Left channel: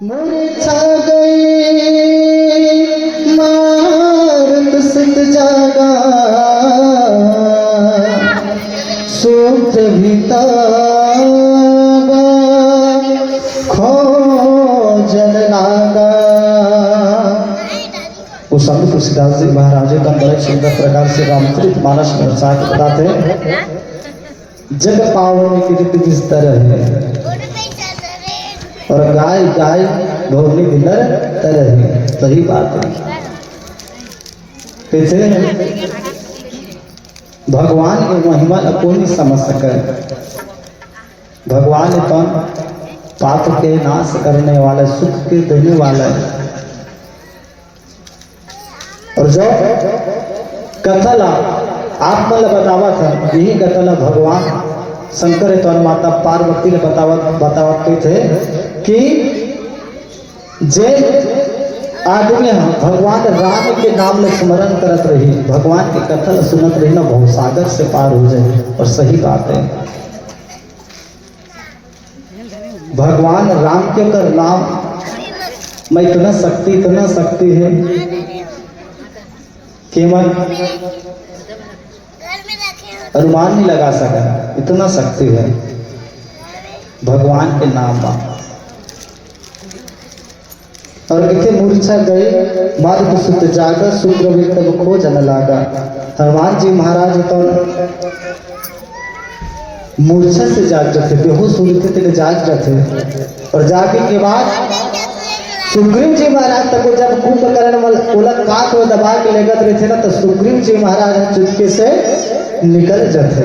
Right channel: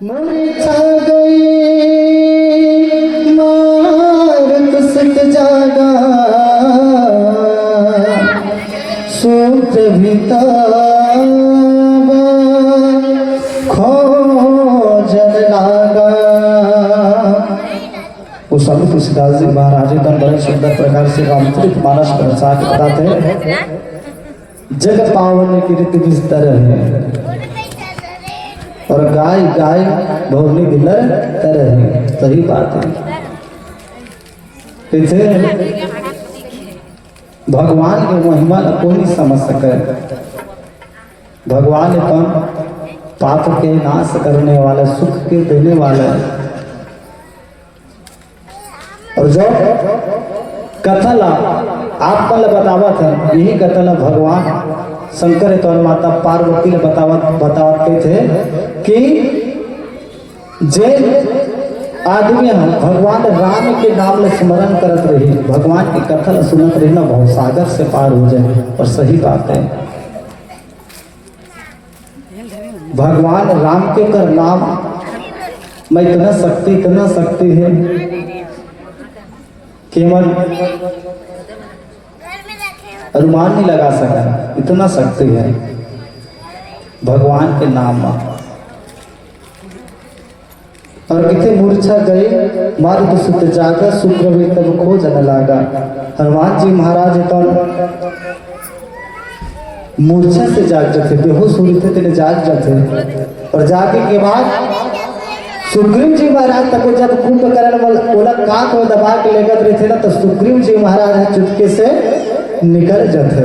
मूर्छा गई मार्ग सत जागा सूत्र खोजन लागा। वो स्वामी तुलसीदास जी महाराज का बड़े सुंदर प्रकार से रामचरित मानस प्रसाद बताते हैं। जग पावन कीर्ति जिस तरह है और गाय गाय भोगनी बिलर तरह है। सही बात है। कैसे भगवान की महिमा कोई नहीं समझ सके। भगवान तो पाप के नाश करने वाला, सुख के देने वाला। और जब कथला आप कल बतावा था, यही कथला भगवान शंकर और माता पार्वती ने बताते थे कि जे आदमी हम भगवान राम के नाम में स्मरण करत रही, भगवान की कथन सुनत रही ना, भवसागर से पार हो जाए। और सही बात है। भगवान राम के कर नाम में इतना शक्ति है कि मन अनुमान नहीं लगा सका। इतना शक्ति है भगवान के नाम में। और इतने मूर्छा गए मार्ग सुत जागा सूत्र में तब खोजन लागा। हनुमान जी महाराज तो मूर्छा से जाग जाते, बेहोश हो रहे थे, जाग जाते। और जागे के बाद सुग्रीव जी महाराज तक जब कुंभकर्ण वाला काक को दबा के लेकर रहे थे ना, तो सुग्रीव जी महाराज चुपके से निकल जाते।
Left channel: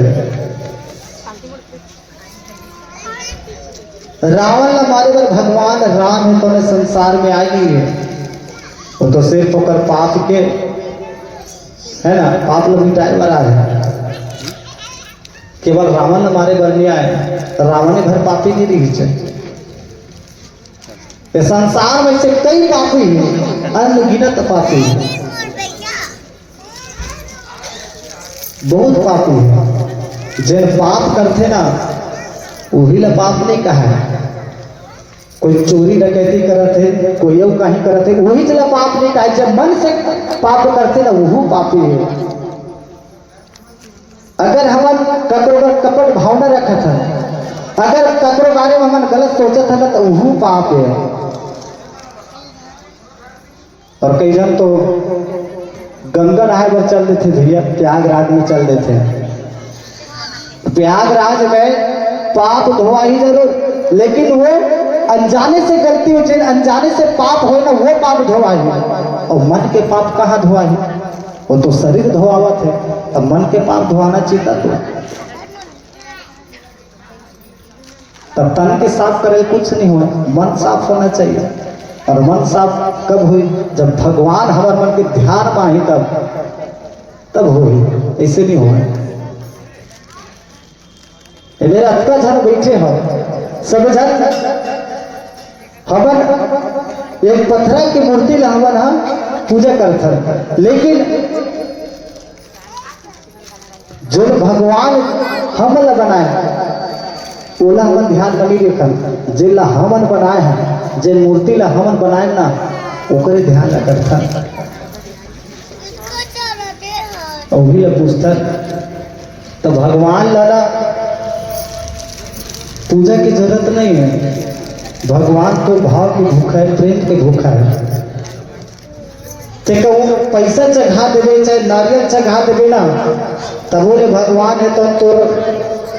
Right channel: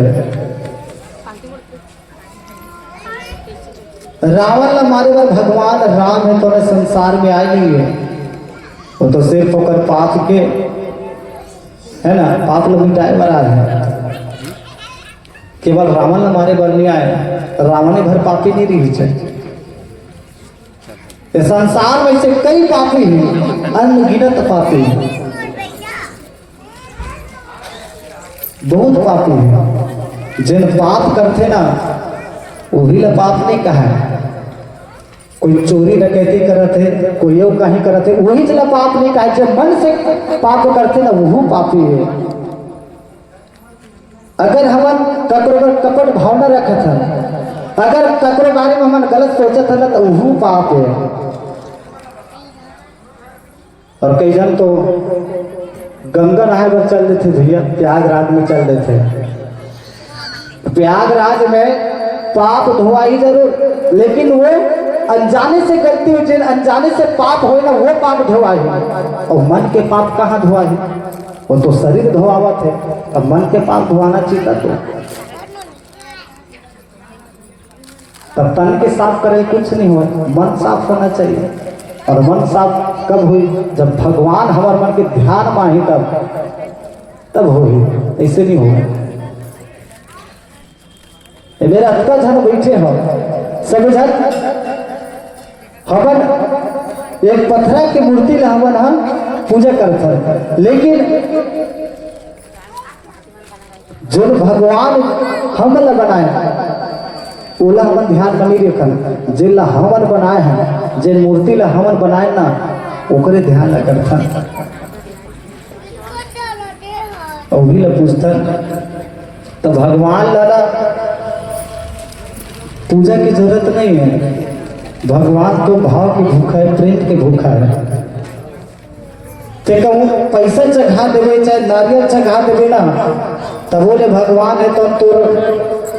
रावण हमारे बार भगवान राम है तो संसार में आई नहीं है। वो तो सिर्फ होकर पाप के है ना, पाप लोग मिटाए वाला है। केवल रावण हमारे बार नहीं आए, रावण भर पापी नहीं रही। संसार में से कई पापी हैं, अनगिनत पापी हैं, बहुत पापी हैं। जिन पाप करते ना वही ला पाप नहीं कहा। कोई चोरी डकैती करते, कोई ये कहीं करते, वही चला पाप नहीं कहा। जब मन से पाप करते ना वही पापी है। अगर हम कपट भावना रखा था, अगर कपड़े बारे में हम गलत सोचा था ना, तो वही पाप है। और कई जन तो गंगा नहाए पर चल रहे थे भैया, प्रयागराज में चल रहे थे। प्रयागराज में पाप धोआ ही जरूर, लेकिन वो अनजाने से गलती हो, जिन अनजाने से पाप हो ना वो पाप धोआ ही। और मन के पाप कहाँ धोआ ही? वो तो शरीर धोआवत है, अब मन के पाप धोआना चाहिए। तब तन के साफ करे कुछ नहीं हुआ, मन साफ होना चाहिए। और मन साफ कब हुई? जब भगवान हमारे मन के ध्यान में आई, तब हो ही। ऐसे नहीं हुआ। मेरा अत्ता धन बैठे हो सब जन हवन एक पत्थर की मूर्ति ला हवन हम पूजा करते, लेकिन जो भगवान हम बनाए ओला हमन ध्यान नहीं रखन। जिला हमन बनाए हैं, जिन मूर्ति ला हमन बनाए ना, ओकरे ध्यान रखता। और भी पूछता तो भगवान लाला पूजा की जरूरत नहीं है। भगवान तो भाव की भूखा है, प्रेम की भूखा है। ते कहूँ पैसा चढ़ा देवे चाहे नारियल चढ़ा देवे ना, तब बोले भगवान है तो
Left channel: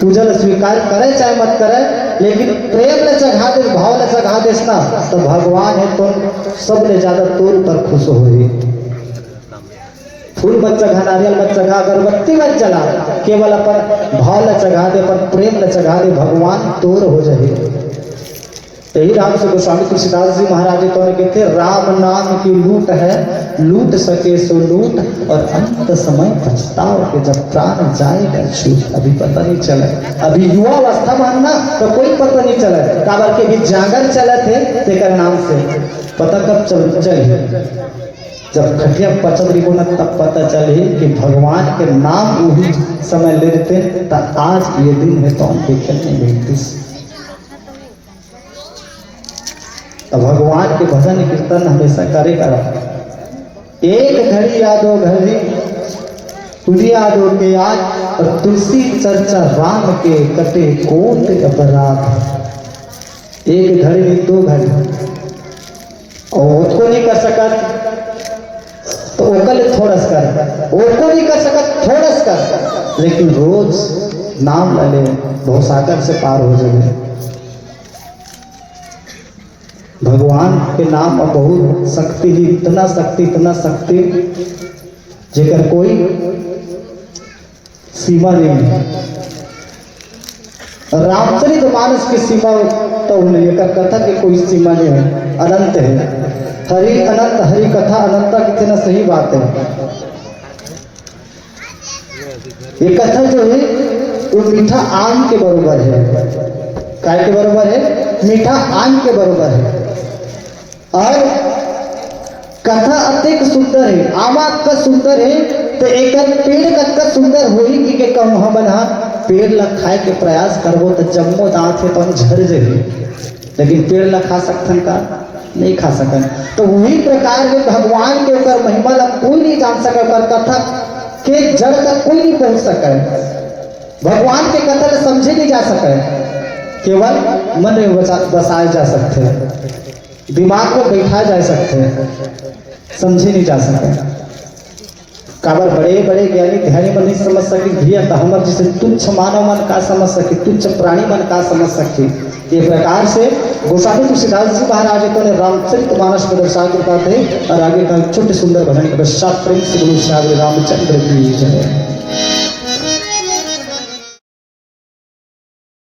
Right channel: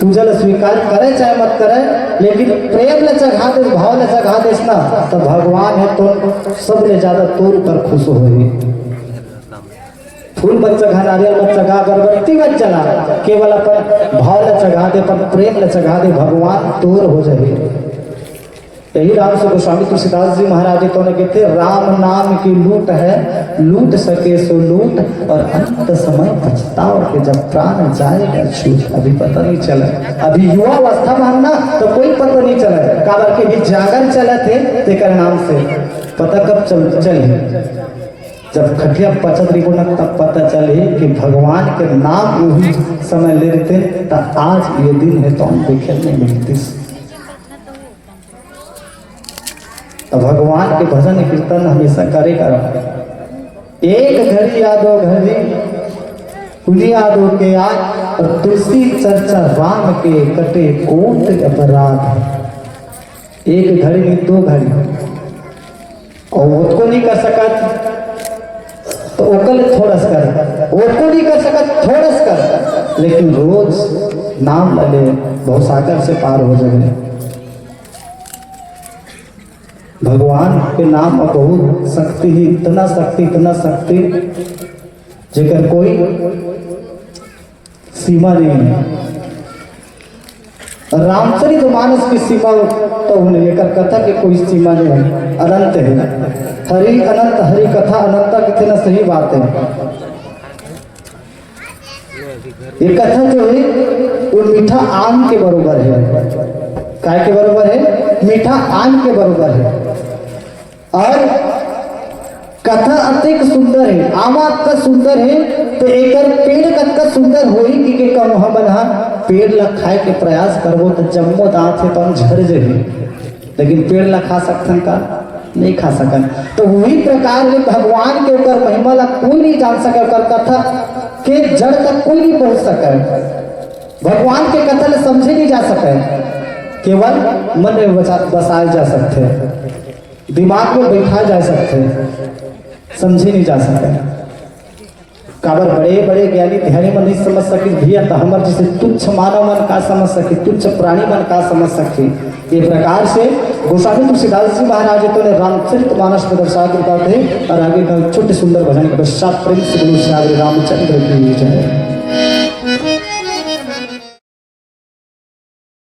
पूजा स्वीकार करे चाहे मत करे, लेकिन प्रेम ले चढ़ा दे, भाव ले चढ़ा दे ना, तो भगवान है तो सब ले ज्यादा तोर पर खुश हो गई। फूल मत चढ़ा, नारियल मत चढ़ा, अगरबत्ती मत चढ़ा, केवल अपन भाव ले चढ़ा दे, अपन प्रेम ले चढ़ा दे, भगवान तोर हो जाए। यही राम से गोस्वामी तुलसीदास जी महाराज जी कहने कहते, राम नाम की लूट है, लूट सके सो लूट, और अंत समय पछतावा के जब प्राण जाएगा छूट। अभी पता नहीं चला, अभी युवा अवस्था में ना तो कोई पता नहीं चला, काबर के भी जागरण चला थे तेकर नाम से पता कब चल जब खटिया पचत रही ना, तब पता चले कि भगवान के नाम वही समय ले लेते। तब आज ये दिन है तो हम देखे नहीं मिलती। तो भगवान के भजन कीर्तन हमेशा करे करा। एक घड़ी यादो घड़ी कुलिया दो के याद और तुलसी चर्चा राम के कटे कोट अपराध। एक घड़ी में दो घड़ी और उसको नहीं कर सकत तो ओकल थोड़स कर, ओको नहीं कर सकत थोड़स कर, लेकिन रोज नाम ले भवसागर से पार हो जाए। भगवान के नाम में बहुत शक्ति ही, इतना शक्ति जेकर कोई सीमा नहीं है। रामचरित मानस की सीमा तो नहीं है, कथा की कोई सीमा नहीं है, अनंत है। हरि अनंत, हरि कथा अनंत, कितनी ना सही बात है। ये कथा जो है वो मीठा आम के बराबर है। काय के बराबर है? मीठा आम के बराबर है। और कथा अत्यंत सुंदर है, आमा का सुंदर है तो एक पेड़ का सुंदर हो ही कि कम हमन हा पेड़ ला खाए के प्रयास करबो तो जम्मो दांत है तो हम झड़ जाए, लेकिन पेड़ ला खा सकते का नहीं खा सकन। तो वही प्रकार में भगवान के ऊपर महिमा ला कोई नहीं जान सका, पर कथा के जड़ तक कोई नहीं पहुंच सका। भगवान के कथा ला समझे नहीं जा सके, केवल मन में बसाए जा सकते, दिमाग में बैठा जा सकते, समझे नहीं जा सके। काबर बड़े बड़े ज्ञानी ध्यानी मन नहीं समझ सके भैया तो हमारे जैसे तुच्छ मानव मन का समझ सके, तुच्छ प्राणी मन का समझ सके। ये प्रकार से गोस्वामी तुलसीदास जी महाराज को ने रामचरित मानस को दर्शा के बताते हैं और आगे का छोटे सुंदर भजन के पश्चात प्रेम से गुरु श्री रामचंद्र की जय।